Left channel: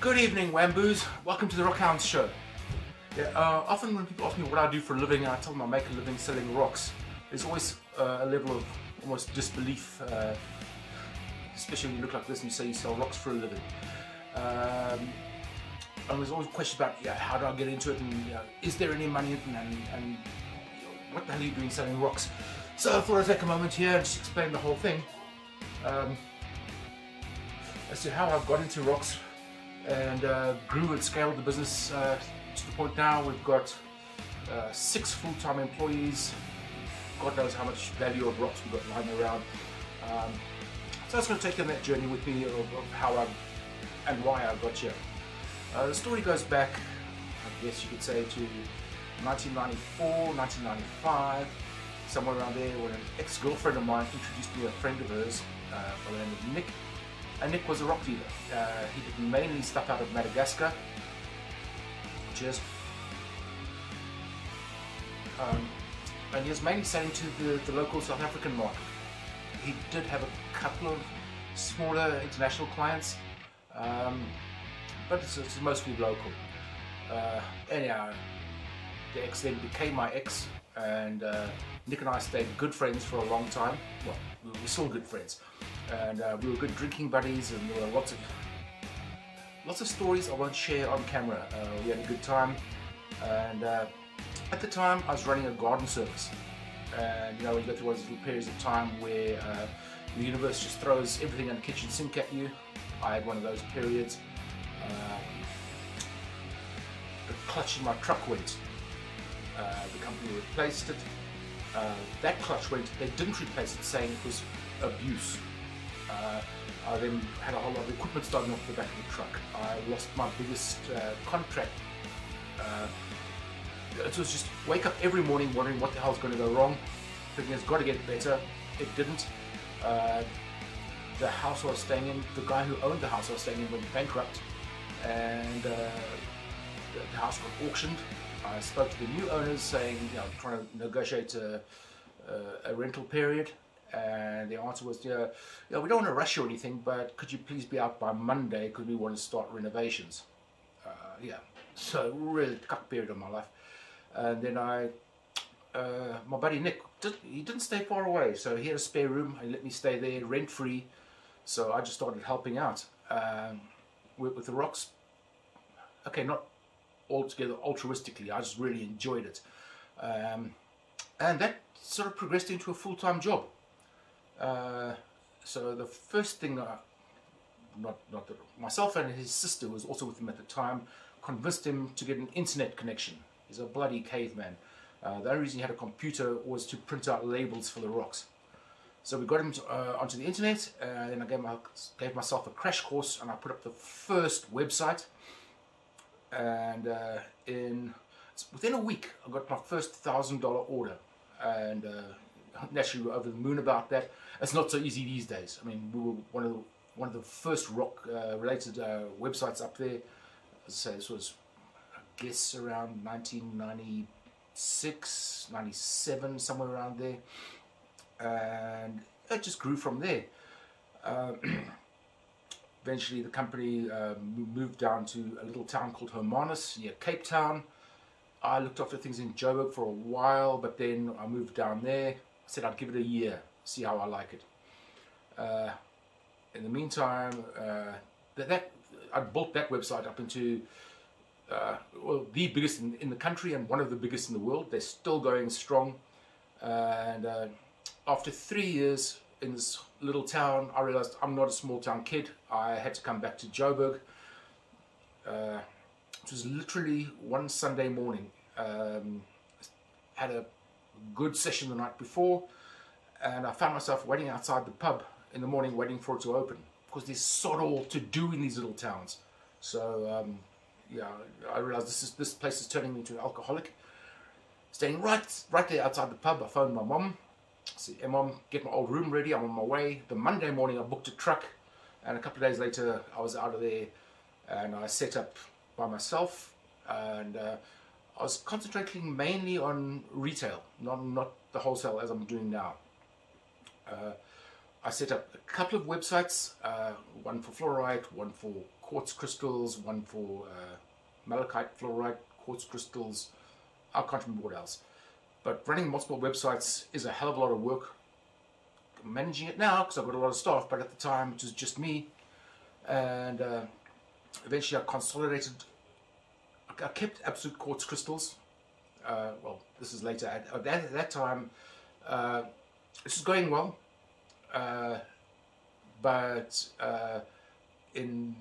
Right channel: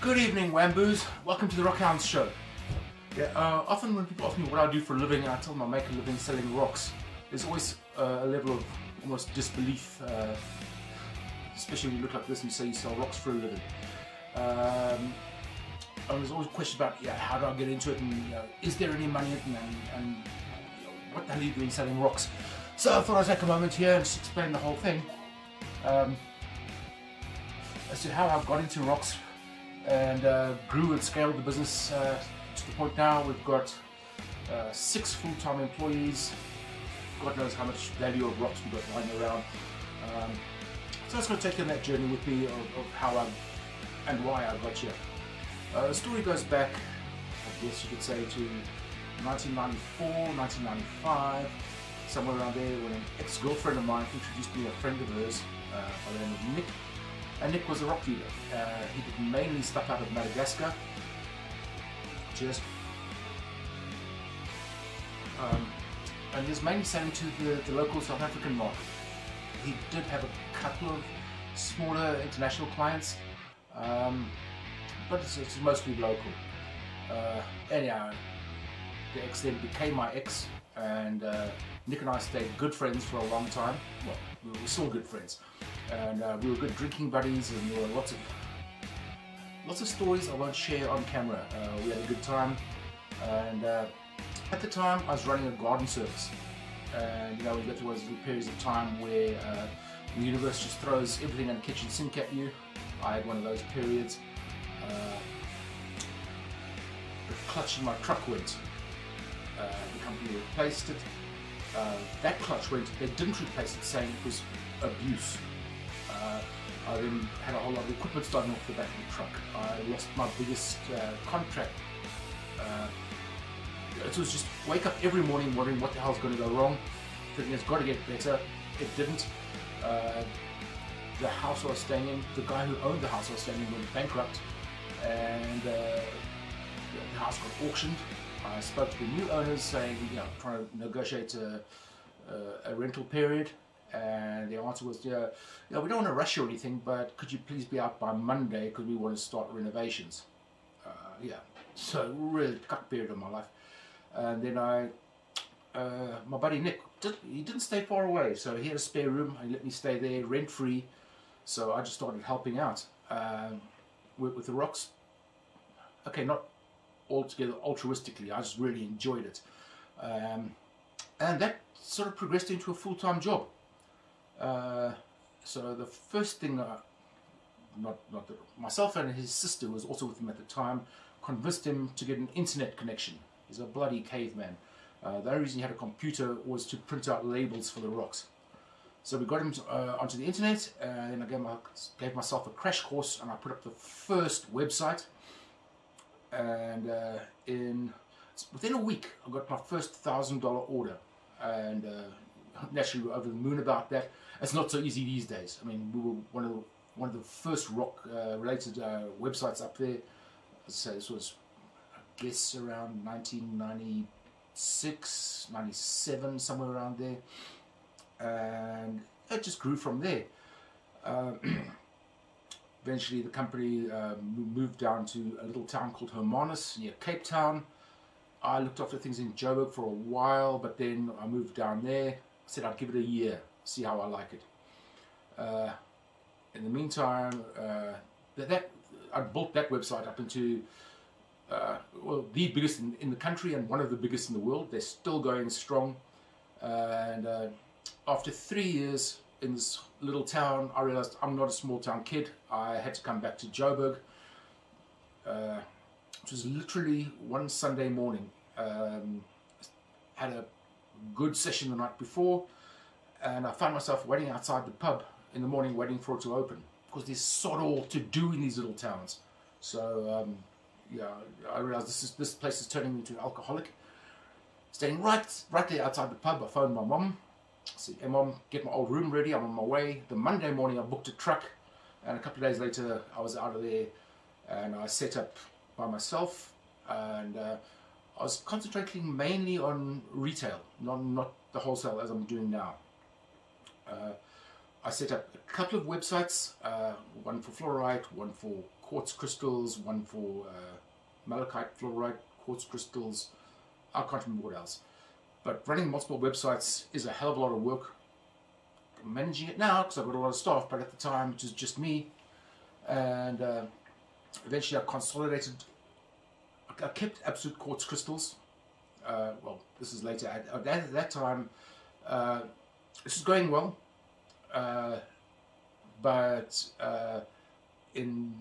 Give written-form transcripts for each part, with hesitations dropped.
Good evening, Wamboos. Welcome to the Rockhounds Show. Often when people ask me what I do for a living, I tell them I make a living selling rocks. There's always a level of almost disbelief, especially when you look like this and you say you sell rocks for a living. And there's always a question about how do I get into it, and is there any money in it, and what the hell are you doing selling rocks? So I thought I'd take a moment here and just explain the whole thing as to how I got into rocks and grew and scaled the business to the point now we've got 6 full-time employees. God knows how much value of rocks we've got lying around. So that's going to take you on that journey with me of how I and why I got here. The story goes back, I guess you could say, to 1994, 1995, somewhere around there, when an ex-girlfriend of mine introduced me to a friend of hers by the name of Nick. And Nick was a rock dealer. He did mainly stuff out of Madagascar. Cheers. And he was mainly selling to the local South African market. He did have a couple of smaller international clients, but it's mostly local. Anyhow, the ex then became my ex, and Nick and I stayed good friends for a long time. Well, we were still good friends. And we were good drinking buddies, and there were lots of stories I won't share on camera. We had a good time, and at the time I was running a garden service. And you get through those little periods of time where the universe just throws everything in the kitchen sink at you. I had one of those periods. The clutch in my truck went. The company replaced it. That clutch went. They didn't replace it, saying it was abuse. I then had a whole lot of equipment starting off the back of the truck. I lost my biggest contract. It was just wake up every morning wondering what the hell's going to go wrong, thinking it's got to get better. It didn't. The house I was staying in, the guy who owned the house I was staying in went bankrupt, and the house got auctioned. I spoke to the new owners saying, trying to negotiate a rental period. And the answer was, we don't want to rush you or anything, but could you please be out by Monday because we want to start renovations. So really tough period of my life. And then my buddy Nick, he didn't stay far away, so he had a spare room. He let me stay there rent free. So I just started helping out with the rocks. Okay, not altogether altruistically. I just really enjoyed it, and that sort of progressed into a full-time job. So the first thing, myself and his sister, who was also with him at the time, convinced him to get an internet connection. He's a bloody caveman. The only reason he had a computer was to print out labels for the rocks. So we got him onto the internet, and then I gave myself a crash course, and I put up the first website. And within a week, I got my first $1,000 order, and naturally we're over the moon about that. It's not so easy these days. I mean, we were one of the first rock related websites up there. So this was, I guess, around 1996, 97, somewhere around there, and it just grew from there. Eventually the company moved down to a little town called Hermanus near Cape Town. I looked after things in Joburg for a while, but then I moved down there. I said I'd give it a year, see how I like it. In the meantime, I built that website up into the biggest in the country and one of the biggest in the world. They're still going strong. And after 3 years in this little town, I realized I'm not a small town kid. I had to come back to Joburg. It was literally one Sunday morning. Had a good session the night before, and I found myself waiting outside the pub in the morning, waiting for it to open, because there's sod all to do in these little towns. So I realized this place is turning me into an alcoholic. Staying right there outside the pub, I phoned my mom. I said, "Hey mom, get my old room ready, I'm on my way." The Monday morning I booked a truck, and a couple of days later I was out of there, and I set up by myself, and I was concentrating mainly on retail, not the wholesale as I'm doing now. I set up a couple of websites, one for fluorite, one for quartz crystals, one for malachite fluoride, quartz crystals. I can't remember what else. But running multiple websites is a hell of a lot of work. I'm managing it now because I've got a lot of staff, but at the time it was just me. And eventually I consolidated. I kept Absolute Quartz Crystals. Well, this is later. At that time, this was going well. But in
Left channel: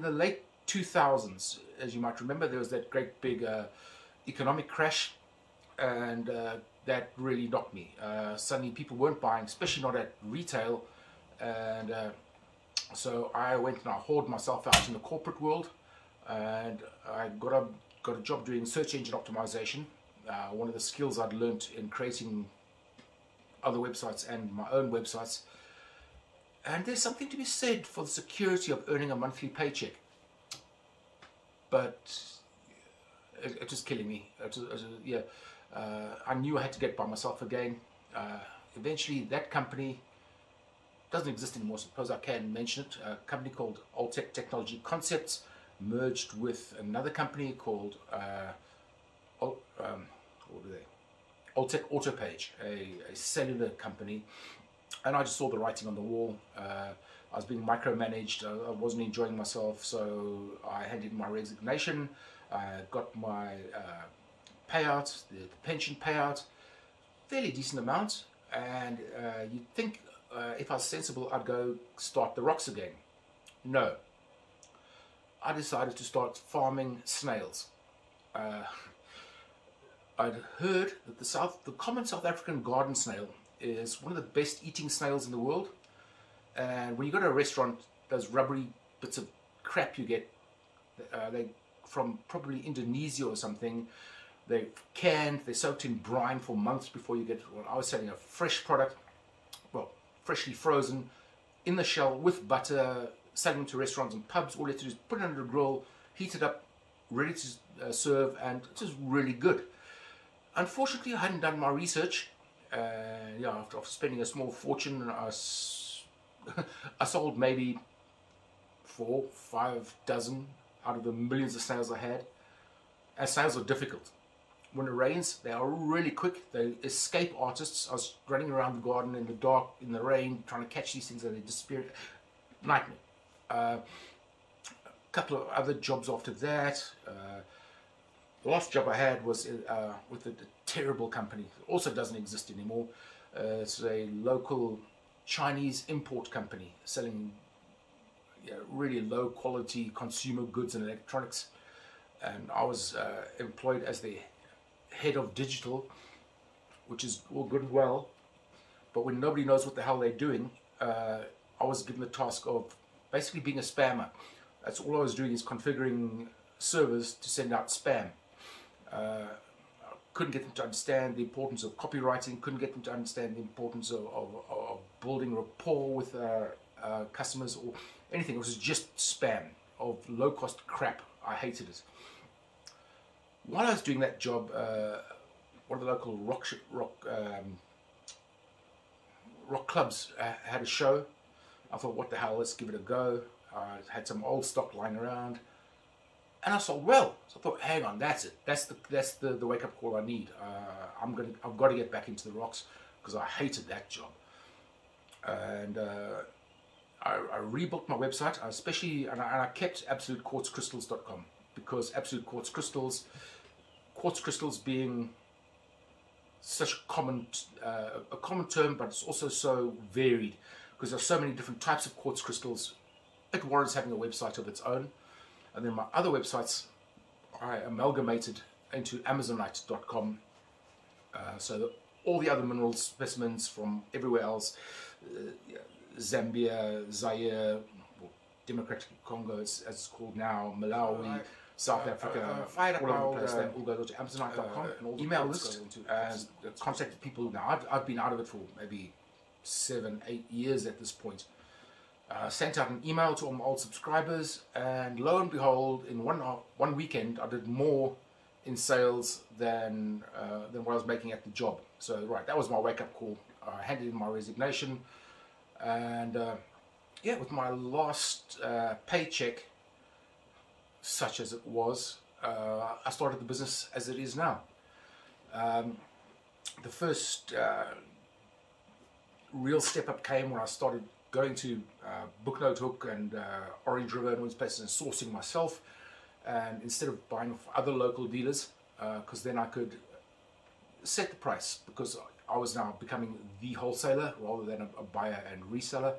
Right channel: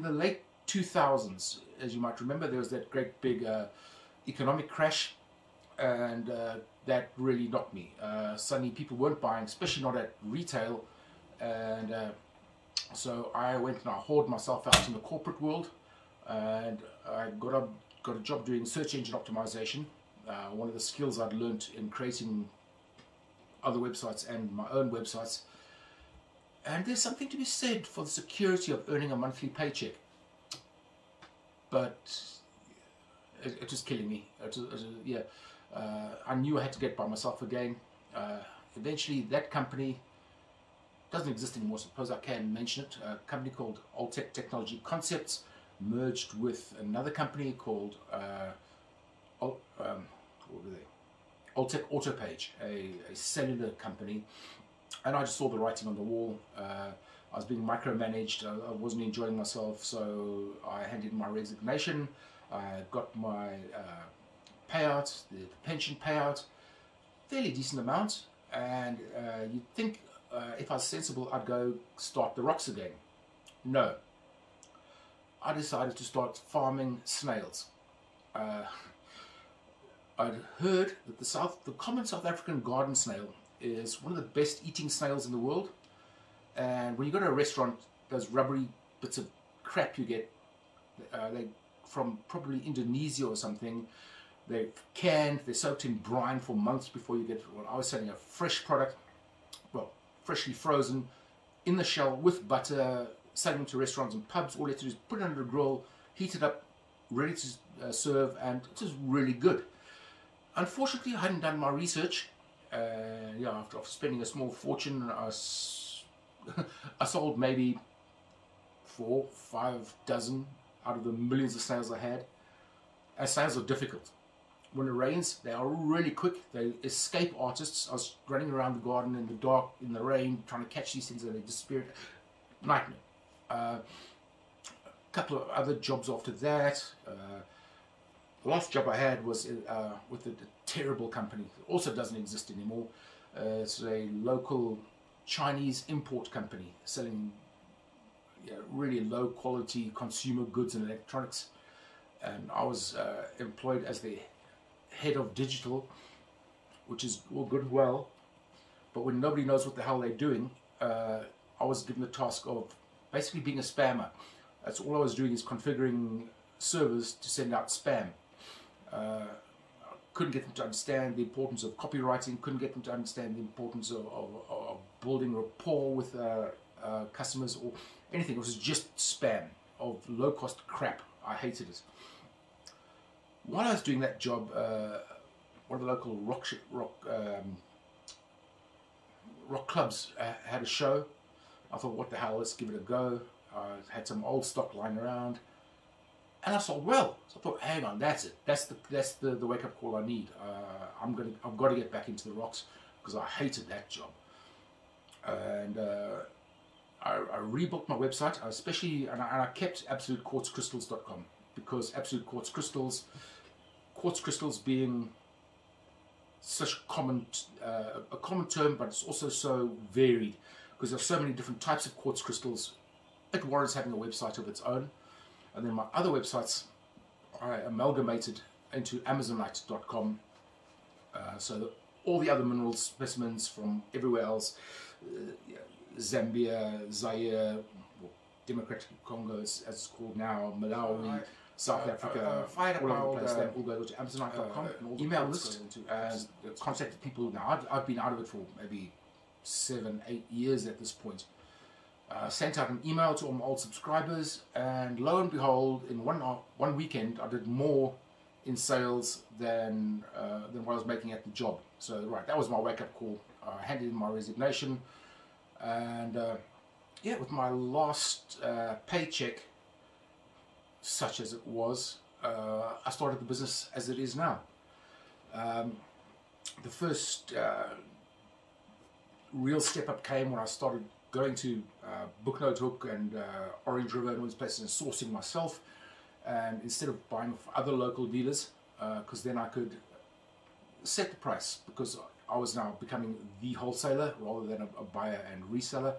the late 2000s, as you might remember, there was that great big economic crash, and that really knocked me. Suddenly people weren't buying, especially not at retail, and so I went and I hauled myself out in the corporate world, and I got a job doing search engine optimization. One of the skills I'd learned in creating other websites and my own websites. And there's something to be said for the security of earning a monthly paycheck. But it was killing me. I knew I had to get by myself again. Eventually, that company doesn't exist anymore. Suppose I can mention it. A company called Alltech Technology Concepts merged with another company called what were they? Alltech Autopage, a cellular company, and I just saw the writing on the wall. I was being micromanaged. I wasn't enjoying myself, so I handed in my resignation. I got my payout, the pension payout, fairly decent amount, and you'd think if I was sensible, I'd go start the rocks again. No. I decided to start farming snails. I'd heard that the common South African garden snail is one of the best eating snails in the world. And when you go to a restaurant, those rubbery bits of crap you get, they from probably Indonesia or something. They're canned, they're soaked in brine for months before you get. Well, I was selling a fresh product, well, freshly frozen, in the shell with butter, selling them to restaurants and pubs. All you have to do is put it under a grill, heat it up, ready to serve, and it was really good. Unfortunately, I hadn't done my research. Yeah, after spending a small fortune, I sold maybe 4, 5 dozen out of the millions of snails I had. And snails are difficult. When it rains, they are really quick. They escape artists. I was running around the garden in the dark, in the rain, trying to catch these things, and they disappeared. Nightmare. A couple of other jobs after that. The last job I had was with a terrible company. It also doesn't exist anymore. It's a local Chinese import company selling really low quality consumer goods and electronics. And I was employed as the head of digital, which is all good and well. But when nobody knows what the hell they're doing, I was given the task of basically being a spammer. That's all I was doing, is configuring servers to send out spam. Couldn't get them to understand the importance of copywriting, couldn't get them to understand the importance of building rapport with customers or anything. It was just spam of low-cost crap. I hated it. While I was doing that job, one of the local rock clubs had a show. I thought, what the hell, let's give it a go. I had some old stock lying around, and I sold well. So I thought, hang on, that's it. That's the wake up call I need. I've got to get back into the rocks because I hated that job. And I rebuilt my website, and I kept AbsoluteQuartzCrystals.com, because Absolute Quartz Crystals, quartz crystals being such a common term, but it's also so varied because there's so many different types of quartz crystals. It warrants having a website of its own. And then my other websites I amalgamated into Amazonite.com, so that all the other mineral specimens from everywhere else, Zambia, Zaire, Democratic Congo as it's called now, Malawi, South Africa, all over the place. They all go to Amazonite.com and all the email list and contacted people. Now I've been out of it for maybe 7, 8 years at this point. Sent out an email to all my old subscribers, and lo and behold, in one weekend, I did more in sales than what I was making at the job. So right, that was my wake-up call. I handed in my resignation, and yeah, with my last paycheck, such as it was, I started the business as it is now. The first real step up came when I started going to Booknote Hook and Orange River and all these places and sourcing myself, and instead of buying from other local dealers, because then I could set the price, because I was now becoming the wholesaler rather than a buyer and reseller.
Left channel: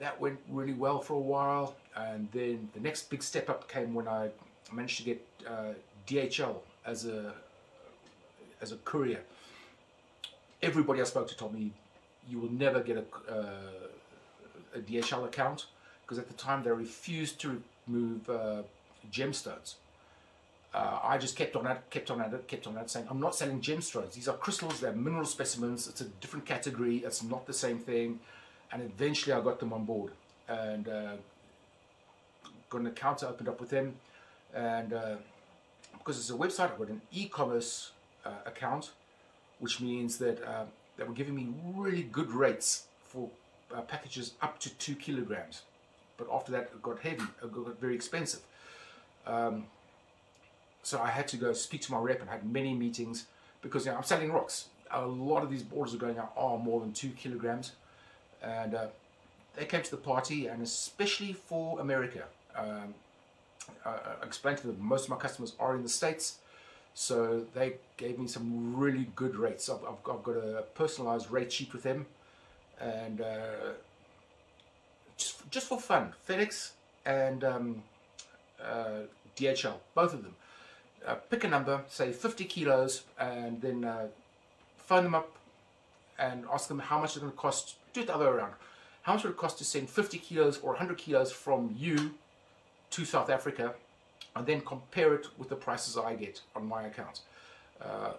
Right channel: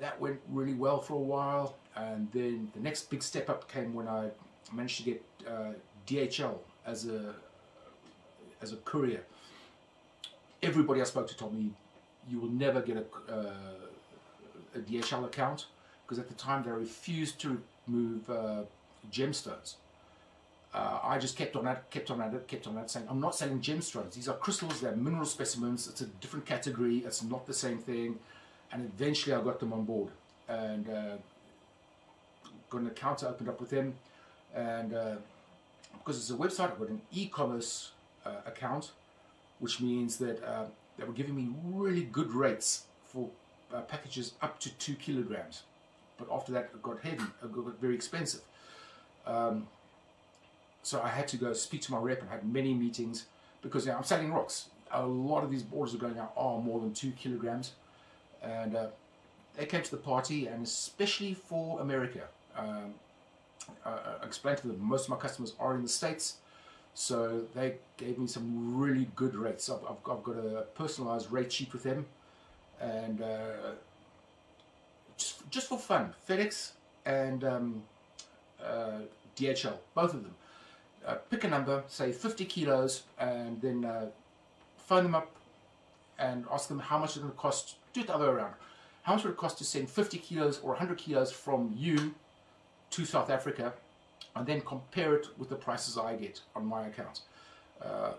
That went really well for a while, and then the next big step up came when I managed to get DHL as a courier. Everybody I spoke to told me, you will never get a DHL account, because at the time they refused to remove gemstones. I just kept on at it, saying, I'm not selling gemstones. These are crystals, they're mineral specimens, it's a different category, it's not the same thing. And eventually I got them on board, and got an account opened up with them. And because it's a website, I got an e-commerce account, which means that they were giving me really good rates for packages up to 2 kilograms. But after that, it got heavy, it got very expensive. So I had to go speak to my rep and had many meetings, because I'm selling rocks. A lot of these orders are going out are more than 2 kilograms. And they came to the party, and especially for America. I explained to them most of my customers are in the States, so they gave me some really good rates. I've got a personalized rate sheet with them, and just for fun, FedEx and DHL, both of them. Pick a number, say 50 kilos, and then phone them up and ask them how much it's going to cost. Do it the other way around. How much would it cost to send 50 kilos or 100 kilos from you to South Africa, and then compare it with the prices I get on my account.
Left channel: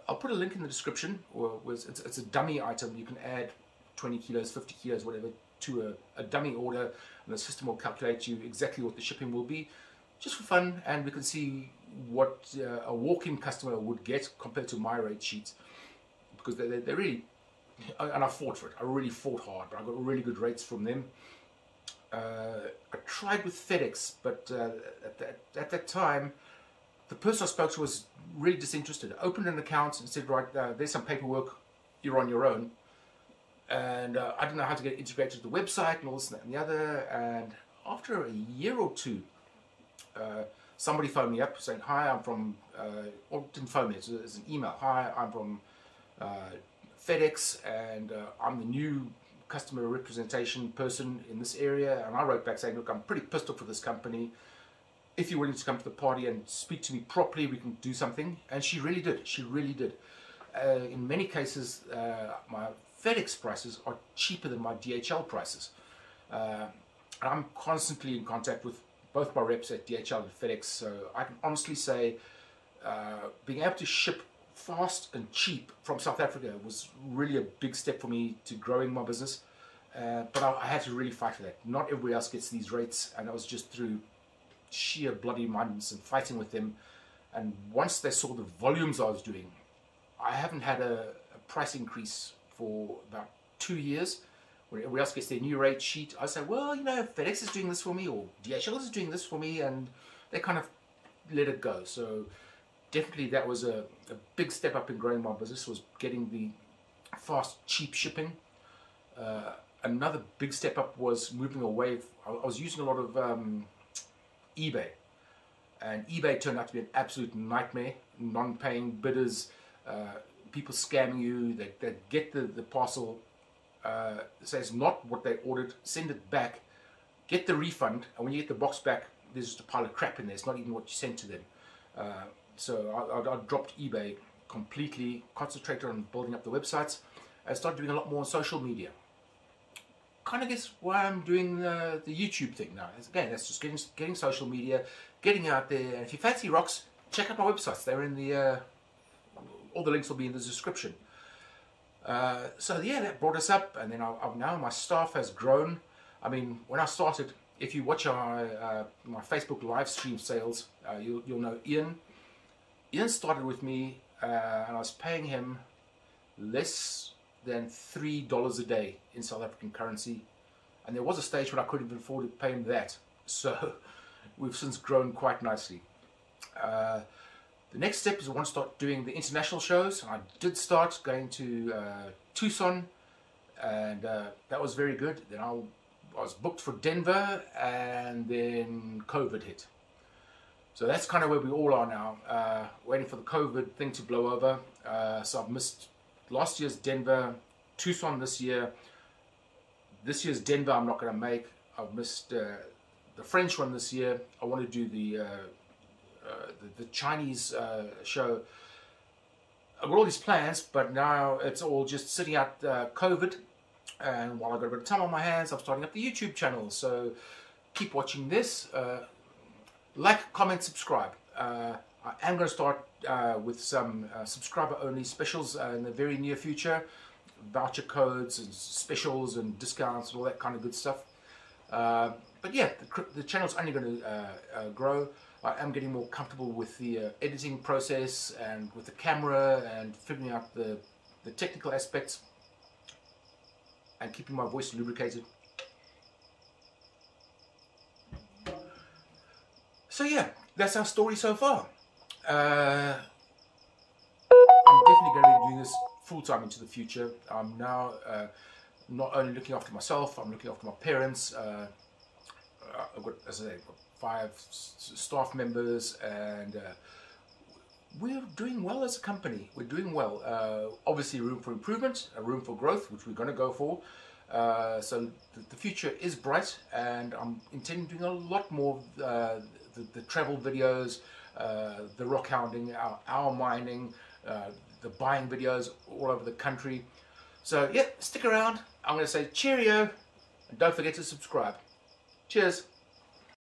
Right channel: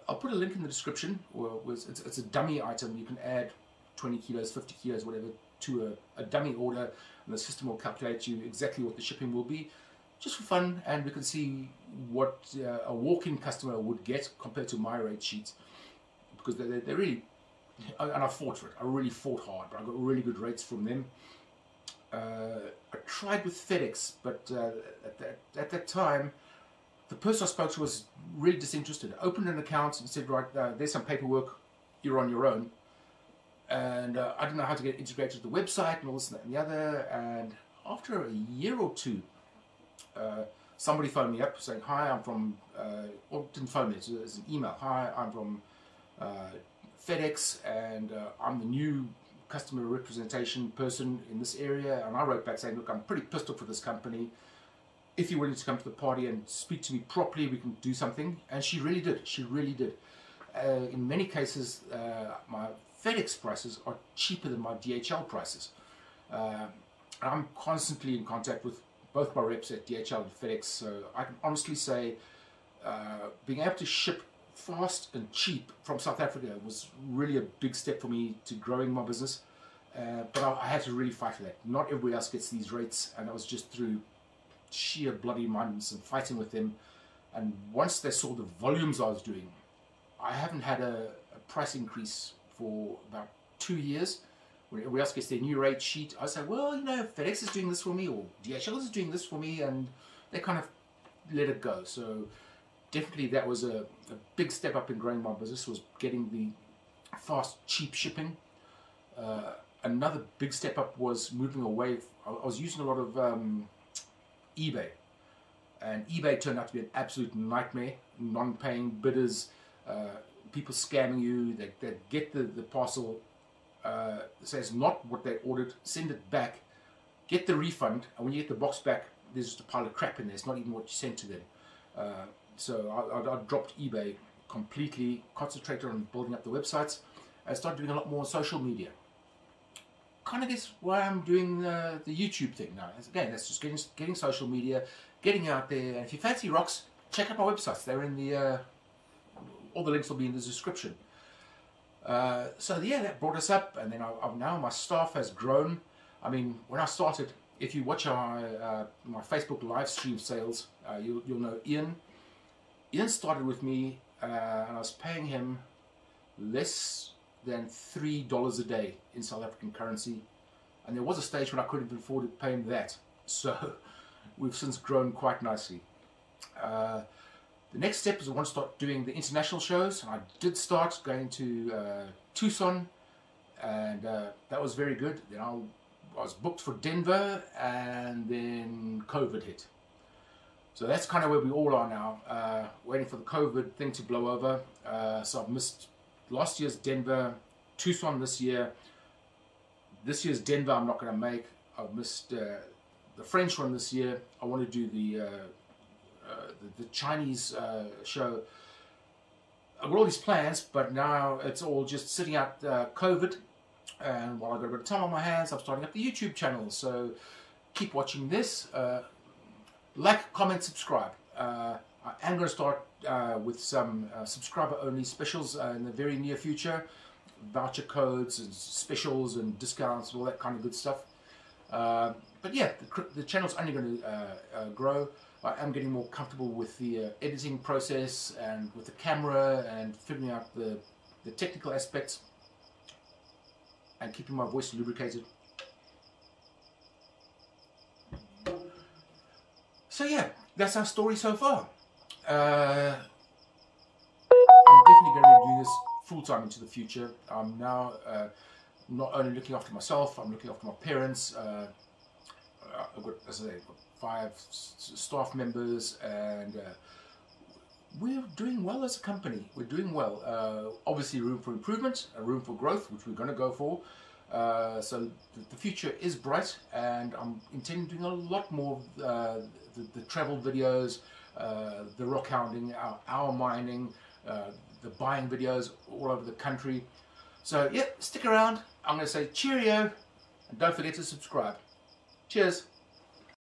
I'll put a link in the description. It's a dummy item. You can add 20 kilos, 50 kilos, whatever, to a dummy order, and the system will calculate you exactly what the shipping will be, just for fun, and we can see what a walk-in customer would get compared to my rate sheets, because they really, and I fought for it. I really fought hard, but I got really good rates from them. I tried with FedEx, but at that time, the person I spoke to was really disinterested. I opened an account and said, right, there's some paperwork, you're on your own. And I didn't know how to get integrated to the website and all this and that and the other. And after a year or two, somebody phoned me up saying, hi, I'm from, or didn't phone me, it's an email. Hi, I'm from FedEx, and I'm the new customer representation person in this area. And I wrote back saying, look, I'm pretty pissed off with this company. If you're willing to come to the party and speak to me properly, we can do something. And she really did. She really did. In many cases, my FedEx prices are cheaper than my DHL prices. And I'm constantly in contact with both my reps at DHL and FedEx. So I can honestly say being able to ship fast and cheap from South Africa was really a big step for me to growing my business. But I had to really fight for that. Not everybody else gets these rates, and that was just through sheer bloody mindedness and fighting with them. And once they saw the volumes I was doing, I haven't had a price increase for about 2 years. When everybody else gets their new rate sheet, I say, well, you know, FedEx is doing this for me, or DHL is doing this for me, and they kind of let it go. So definitely that was a big step up in growing my business, was getting the fast, cheap shipping. Another big step up was moving away. I was using a lot of eBay, and eBay turned out to be an absolute nightmare. Non-paying bidders, people scamming you. They get the parcel, say it's not what they ordered, send it back, get the refund, and when you get the box back, there's just a pile of crap in there. It's not even what you sent to them. So I dropped eBay completely, concentrated on building up the websites, and started doing a lot more on social media. Kind of guess why I'm doing the YouTube thing now. Again, that's just getting social media, getting out there. And if you fancy rocks, check out my websites. They're in the all the links will be in the description. So yeah, that brought us up, and then now my staff has grown. I mean, when I started, if you watch my Facebook live stream sales, you'll know Ian. Ian started with me, and I was paying him less than $3 a day in South African currency, And there was a stage when I couldn't even afford to pay him that. So we've since grown quite nicely. The next step is I want to start doing the international shows. And I did start going to Tucson, and that was very good. Then I was booked for Denver, and then COVID hit. So that's kind of where we all are now, waiting for the COVID thing to blow over. So I've missed last year's Denver, Tucson this year. This year's Denver I'm not going to make. I've missed the French one this year. I want to do the Chinese show. I've got all these plans, but now it's all just sitting out COVID. And while I've got a bit of time on my hands, I'm starting up the YouTube channel. So keep watching this. Like, comment, subscribe. I am going to start with some subscriber-only specials in the very near future. Voucher codes and specials and discounts and all that kind of good stuff. But yeah, the channel's only going to grow. I am getting more comfortable with the editing process and with the camera and figuring out the technical aspects and keeping my voice lubricated. So yeah, that's our story so far. I'm definitely going to be doing this full-time into the future. I'm now not only looking after myself, I'm looking after my parents. I've got, as I say, 5 staff members, and we're doing well as a company. We're doing well. Obviously room for improvement, a room for growth, which we're going to go for. So the future is bright, and I'm intending doing a lot more the travel videos, the rock hounding, our mining, the buying videos all over the country. So yeah, stick around. I'm going to say cheerio, and don't forget to subscribe. Cheers.